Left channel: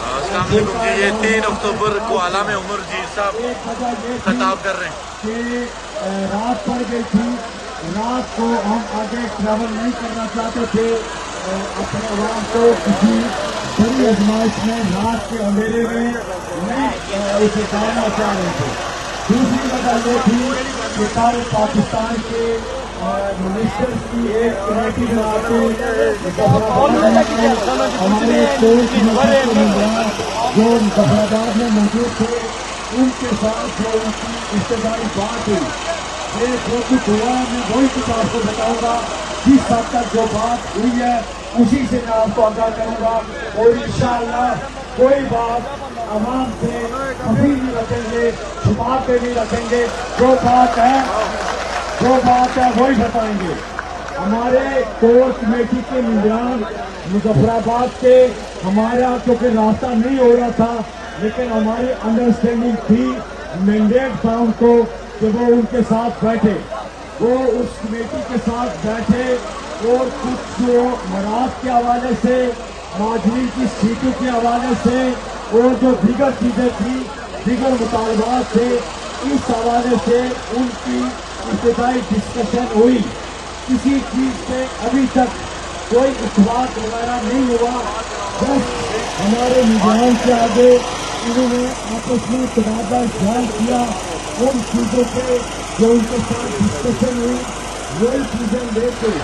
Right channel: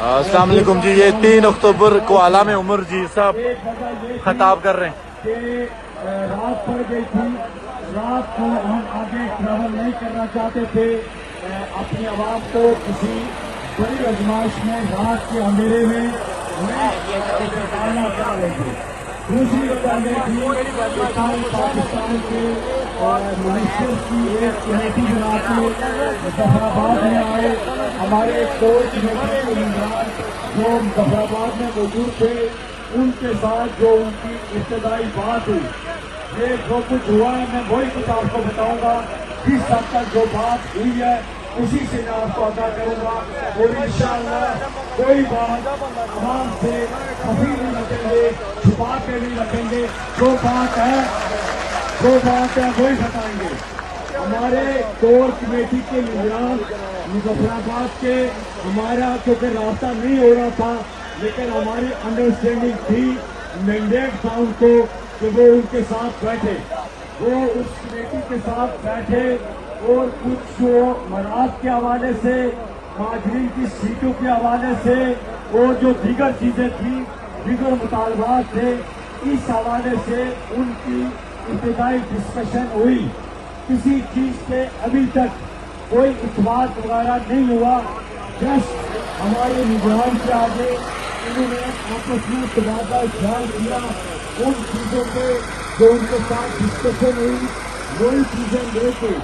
السلام علیکم جی، یہ 3 اکتوبر کو عالم عمر جی صاحب خطاب کر رہے ہیں کہ رات پڑ گئی تھی، رات کو ہم آگے ٹریول نہیں کرنا چاہتے تھے اپنے عوام کو کسی بڑی آزمائش میں رات کے اندھیرے میں اسے ڈالنا چاہ رہے تھے۔ دوسری وجہ یہ تھی کہ کل پاکستان کے منسٹر کی ایک کمیٹی میں آتے ہمارے کوچ جو مظفرآباد میں موجود تھے، ان کے ساتھ جو ان کی اجتماعی بات ہوئی، میرے جو کچھ ہوا ہے میں وہی کچھ آپ کو بتاؤں گا۔ جس حد تک جو بات ہوئی ہے اسی سے میں آپ کو آگاہ کروں گا، اور انشاءاللہ کوئی بات عوام سے کبھی نہیں رکھیں گے، چھپا کے نہیں رکھیں گے، جو بات ہے وہی بتائیں گے۔ ہمارے کور کمیٹی کے نگران مظفرآباد کے ہمارا کیونکہ رابطہ نہیں ہو رہا تھا، لیکن ہماری انڈرسٹینڈنگ تھی، مینڈیٹ تھا ان کو کہ وہ ان کے ساتھ بیٹھے، وہ اس کمیٹی کے ساتھ بیٹھے اور کچھ جو مواد کے حوالے سے، مہاجرین کی سیٹوں کے حوالے سے اور جو دیگر چیزیں تھیں، دیگر مطالبات تھے، اس حوالے سے ان کی ابتدائی ڈسکشن ہوئی۔ کسی چیز پہ ابھی تک کوئی اتفاق وغیرہ نہیں ہوا، بس ہمارے نظام سے آگے انہوں نے آپس میں تبادلہ خیال کیا، ان چیزوں پہ جو ان کے ساتھ ڈسکشن ہوئی وہی چیزیں لے کے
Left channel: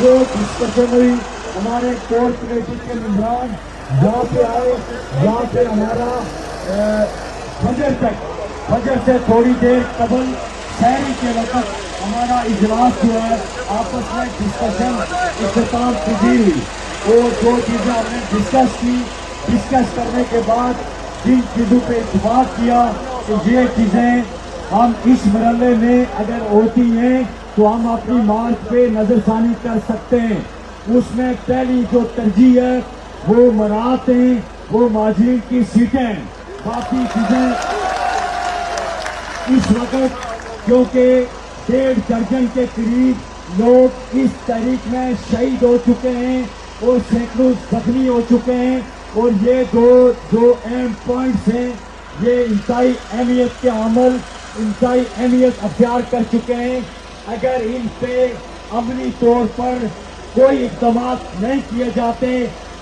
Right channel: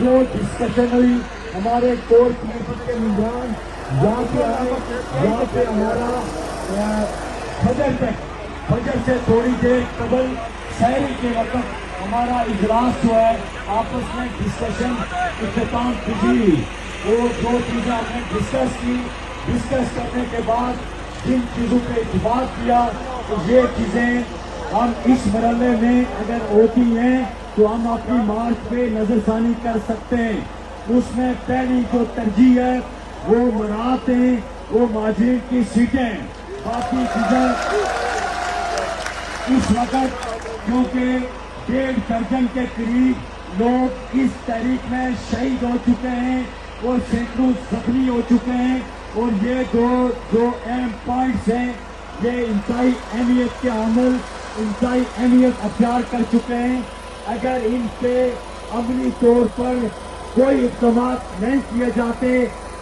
جو ڈسکشن ہوئی۔ ہمارے کور کمیٹی کے نظام جہاں پہ آئے، جہاں پہ ہمارا فجر سے تھوڑی دیر قبل سحری کے وقت ہمارا اجلاس جو ہے آپس میں ڈسکشن اختتام پذیر ہوئی، اور جو چیزیں ہم نے ڈسکس کرنے کے بعد جن چیزوں پہ اتفاق کیا کہ یہ چیزیں ہم اس مرحلے میں اگر ہوتی ہیں تو ہم اپنی مارچ پہ نظر ثانی کر سکتے ہیں۔ اس میں پہلی جو ترجیح ہے وہ مراعات نہیں، وہ مہاجرین کی سیٹیں ہیں۔ باقی چیزیں اس وقت کیونکہ 1.5 درجن کے قریب لوگ اس تحریک میں شہید ہو چکے ہیں اور سینکڑوں زخمی ہو چکے ہیں، اور یہ جو اہم پوائنٹس ہیں یہ انتہائی اہمیت کے عمل انتہائی اہمیت اختیار کر چکے ہیں۔ اگر ان پہ عملی طور پر کوئی اقدامات نہیں کیے جاتے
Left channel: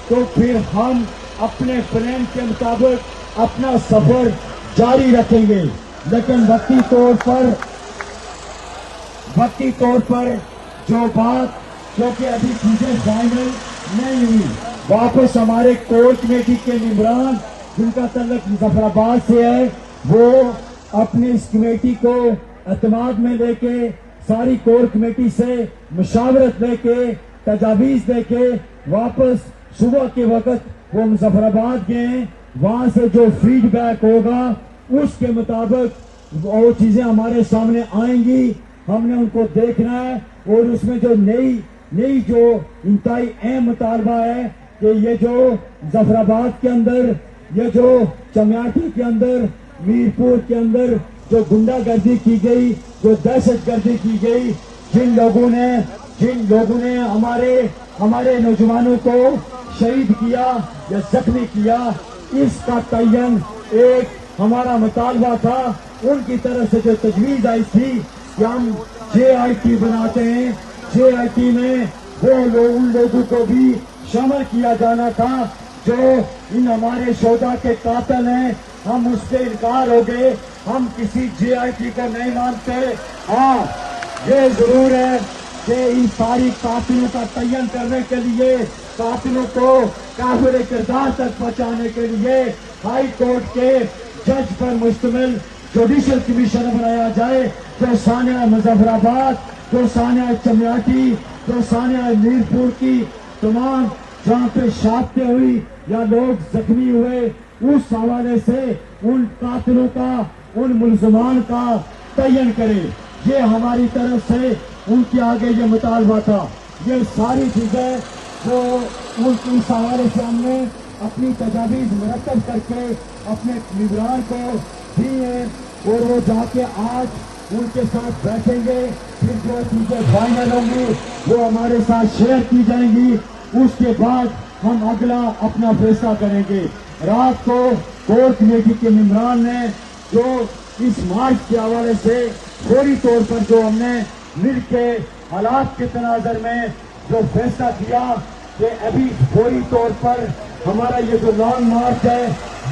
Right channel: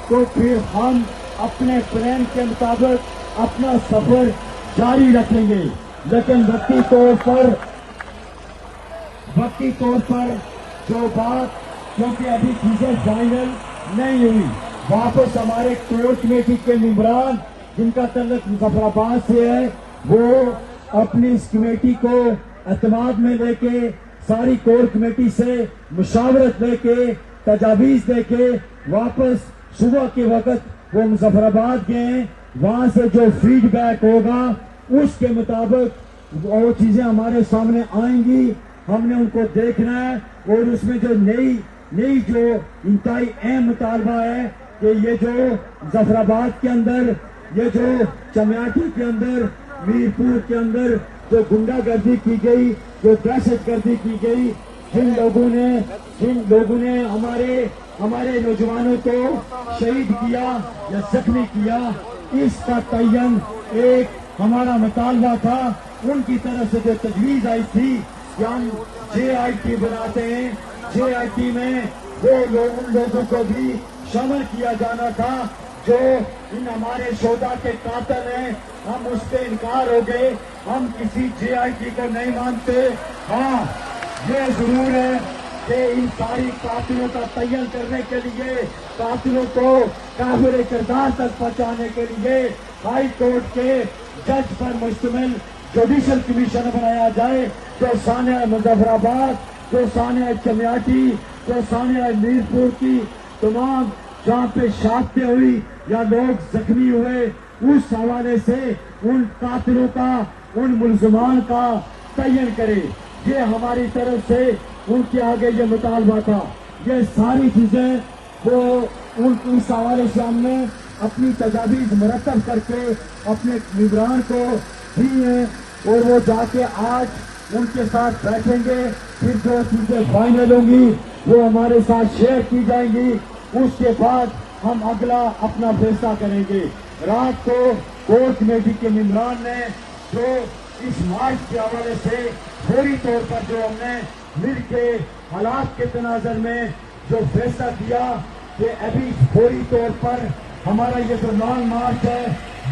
تو پھر ہم اپنے پلان کے مطابق اپنا سفر جاری رکھیں گے، لیکن وقتی طور پر جو بات کیونکہ ابھی چیزیں فائنل نہیں ہوئی، واپس ہمارے کور کمیٹی کے ممبران جن کا تعلق مظفرآباد سے ہے وہ اپنی اس کمیٹی کو اعتماد میں لے کے ساری کور کمیٹی سے مشاورت لے کے تجاویز دے کے واپس صبح کے وقت وہ مظفرآباد گئے، وہاں سے جو فیڈ بیک ہوگا اس کے مطابق وہ چیزیں ہمارے سامنے آئیں گی، ہم نے ان کو دیکھنا ہے، اور اس میں جو نئی جو انتہائی اہم مطالبہ ہے کہ یہ جو مظفرآباد کے اندر، یہ جو چمیاٹی کے اندر، میرپور کے اندر جو گنڈا گردی کی گئی، جو دہشت گردی کی گئی، جن لوگوں نے ہمارے نوجوانوں کو شہید کیا یا زخمی کیا، اس کا تعین ایک ہمارا مطالبہ تھا۔ ان کی طرف سے جو تجویز آئی تھی کہ ہم JIT بناتے ہیں، JIT میں ان لوگوں کو بھی شامل کیا جانا تھا جو ان ہمارے شہداء کے قاتل ہیں۔ ہم اس سے انکار ہو گئے، ہم کسی JIT کو نہیں مانتے۔ ہاں یہ ضرور ہے کہ ان ساری قاتلوں کا تعین کرنے کے لیے، قاتلوں کو کافر کردار تک پہنچانے کے لیے ہائی کورٹ کے جج پر مشتمل جوڈیشل کمیشن بنایا جائے، جو سانحہ مظفرآباد، جو سانحہ چمیاٹی، جو سانحہ میرپور کی تمام جہاں پہ شہادتیں ہوئی یا لوگ زخمی ہوئے، اس حوالے سے ان قاتلوں کا، ان ملزمان کا تعین کرے۔ یہ ہماری طرف سے ان کے آگے یہ مطالبہ تھا۔ یہ ساری چیزیں جو ان کی حوالے سے ہم نے اپنی تجاویز مرتب کر کے اپنے نگران کو دی ہیں، اور وہ جا کے آج ان کے ساتھ بیٹھیں گے، پھر جو چیزیں فائنل ہوں گی وہ ہمارے ساتھ شیئر کی جائیں گی، اس کے بعد ہم اگلا اپنا فیصلہ کریں گے۔ رات کو کور کمیٹی کے ممبران نے جو اس مارچ کے حوالے سے فوری طور پر جو ہم نے مل کے حالات کے تناظر میں جو فیصلہ کیا کہ ابھی فوری طور پر ہمارا یہ جو لانگ مارچ ہے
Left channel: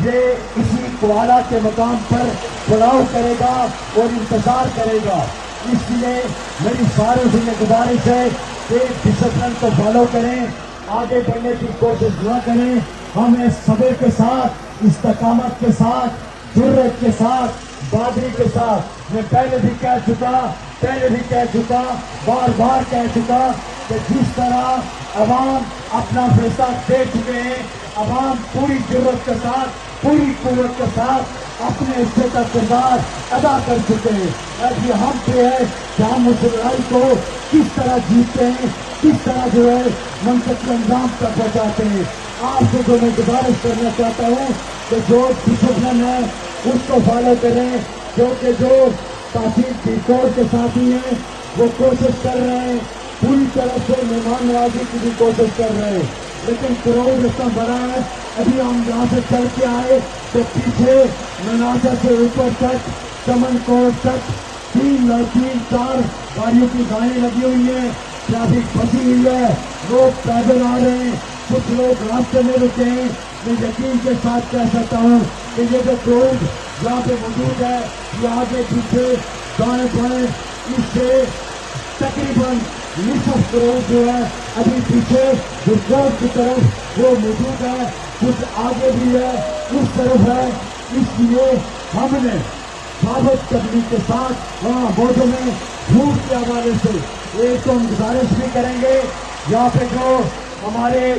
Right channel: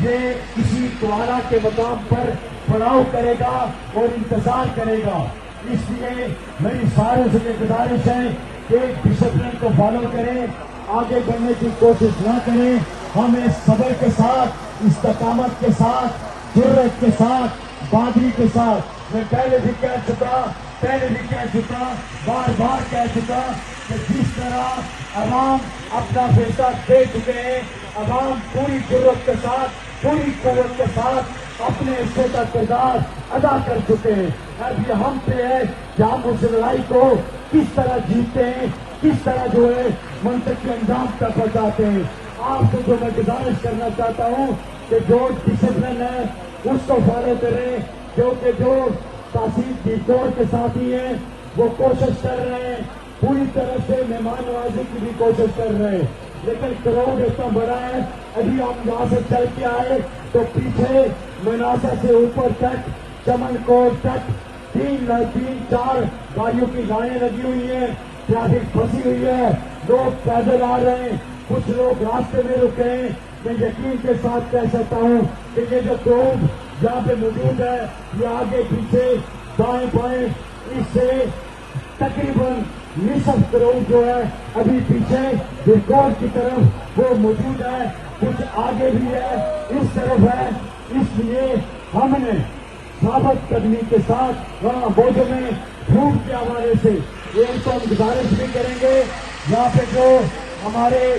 یہ اسی کوالا کے مقام پر پڑاؤ کرے گا اور انتظار کرے گا. اس لیے میری ساروں سے یہ گزارش ہے کہ ڈسپلن کو فالو کریں, آگے بڑھنے کی کوشش نہ کریں. ہمیں صبر کے ساتھ, استقامت کے ساتھ, جرأت کے ساتھ, بہادری کے ساتھ, میں پہلے بھی کہہ چکا, بار بار کہہ چکا کہ جس طرح عوام اپنا فیصلہ دے چکے ہیں, عوام پوری جرأت کے ساتھ, پوری قوت کے ساتھ اپنے حصے کا کردار ادا کر چکے ہیں. اب یہ ہم پہ ہے کہ ہم اس لڑائی کو کس طرح جیتتے ہیں, کس طرح جو ہے منطق کے انجام تک پہنچاتے ہیں. آپ کو جو میں گزارش کرنا چاہتا ہوں کہ جو ڈسپلن ہے اس کو فالو کریں, کیونکہ جو تحصیل بیکور کے ساتھی ہیں وہ کوشش کر رہے ہیں, پوری طرح سے مہمان نوازی کی بھی کوشش کر رہے ہیں, لیکن کراؤڈ اتنا بڑا ہے. ابھی ہم یہاں سے چل کے آئے تو پیچھے منازا سے اوپر تک, چمن کوٹ تک 3 گاڑیوں کی لائنیں لگی ہوئی ہیں, ٹریفک پھنسی ہوئی ہے, لوگ پیدل آ رہے ہیں, کچھ لوگ راستے میں رکے ہیں. میں یقین کے ساتھ کہہ سکتا ہوں کہ یہ جو کراؤڈ یہاں پہ موجود ہے یہ آگے پیچھے دائیں بائیں اس سے تقریباً نصف کروڑ جو ہے ابھی پیچھے ریکارڈ کی طرف وہ موجود ہے, کچھ آگے بھی ہے, اس طرف ہے. اس لیے ہم نے ثابت قدمی کے ساتھ وہاں بوجھوں میں جھوٹ کے حوالے سے ایک تو ہم گزارش بھی کریں گے, یہاں پہ جو ہمارے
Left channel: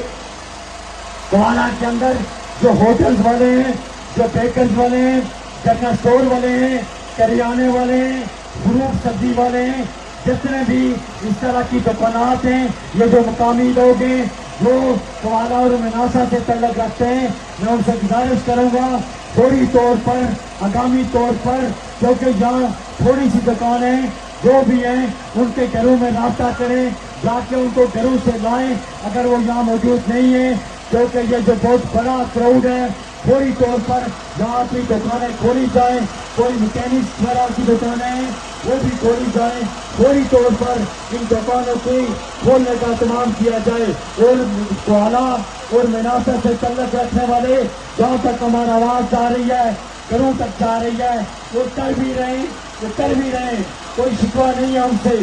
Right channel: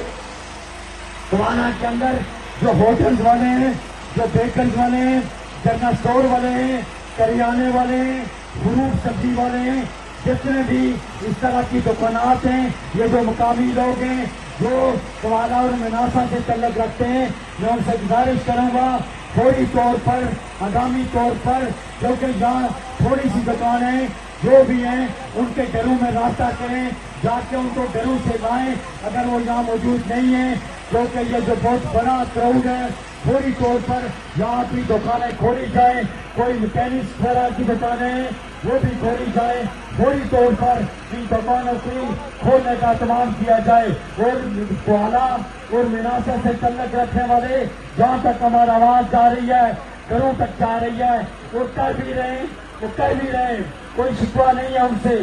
کوالا کے اندر جو ہوٹلز والے ہیں, جو بیکرز والے ہیں, جنرل اسٹور والے ہیں, کریانے والے ہیں, فروٹ سبزی والے ہیں, جتنے بھی اس طرح کی دکانات ہیں, یہ جو مقامی لوگ ہیں جو کوالا اور مناسا سے تعلق رکھتے ہیں, میں ان سے گزارش کروں گا فوری طور پر, ہنگامی طور پر, کیونکہ یہاں تھوڑی سی دکانیں جو بھی ہیں ان کے گھروں میں رابطہ کریں, جا کے ان کو گھروں سے لائیں اگر وہ یہاں موجود نہیں ہیں, کیونکہ یہ جو بہت بڑا کراؤڈ ہے. فوری طور پر یہاں کی دکانیں کھولی جائیں, کوئی میکینکس وغیرہ کی دکانیں ہیں وہ بھی کھولی جائیں, فوری طور پر ان دکانوں کی کھولنے کا اہتمام کیا جائے. اور کوالا اور مناسا سے تعلق رکھنے والے جہاں تک ہماری آواز جا رہی ہے, گھروں تک جا رہی ہے, وہ کر بھی رہے, کوئی شکوہ نہیں ہے ہم سے.